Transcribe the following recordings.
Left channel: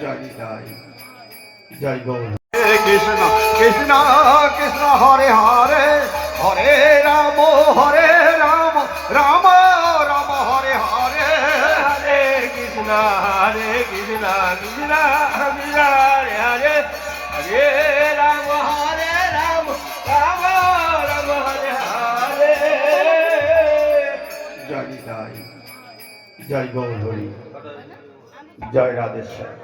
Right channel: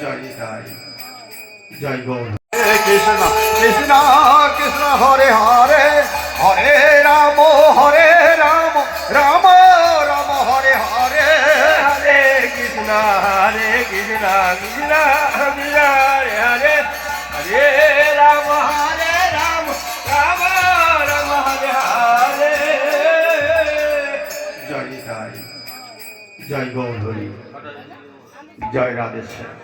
জয় নিতাই জয় গৌর কৃষ্ণ কৃষ্ণ কৃষ্ণ হরে হরে হরে রাম হরে রাম রাম রাম হরে হরে। হরে কৃষ্ণ হরে কৃষ্ণ কৃষ্ণ কৃষ্ণ হরে হরে। হরে রাম হরে রাম রাম রাম হরে হরে। জয় নিতাই জয় গৌর হরি জয় রাধেশ্বর।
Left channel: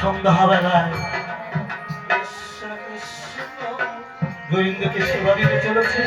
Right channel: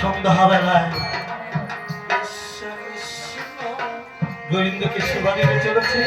সন্ধ্যাবেলায় গোবিন্দকে সেবা দিতে চলেছে।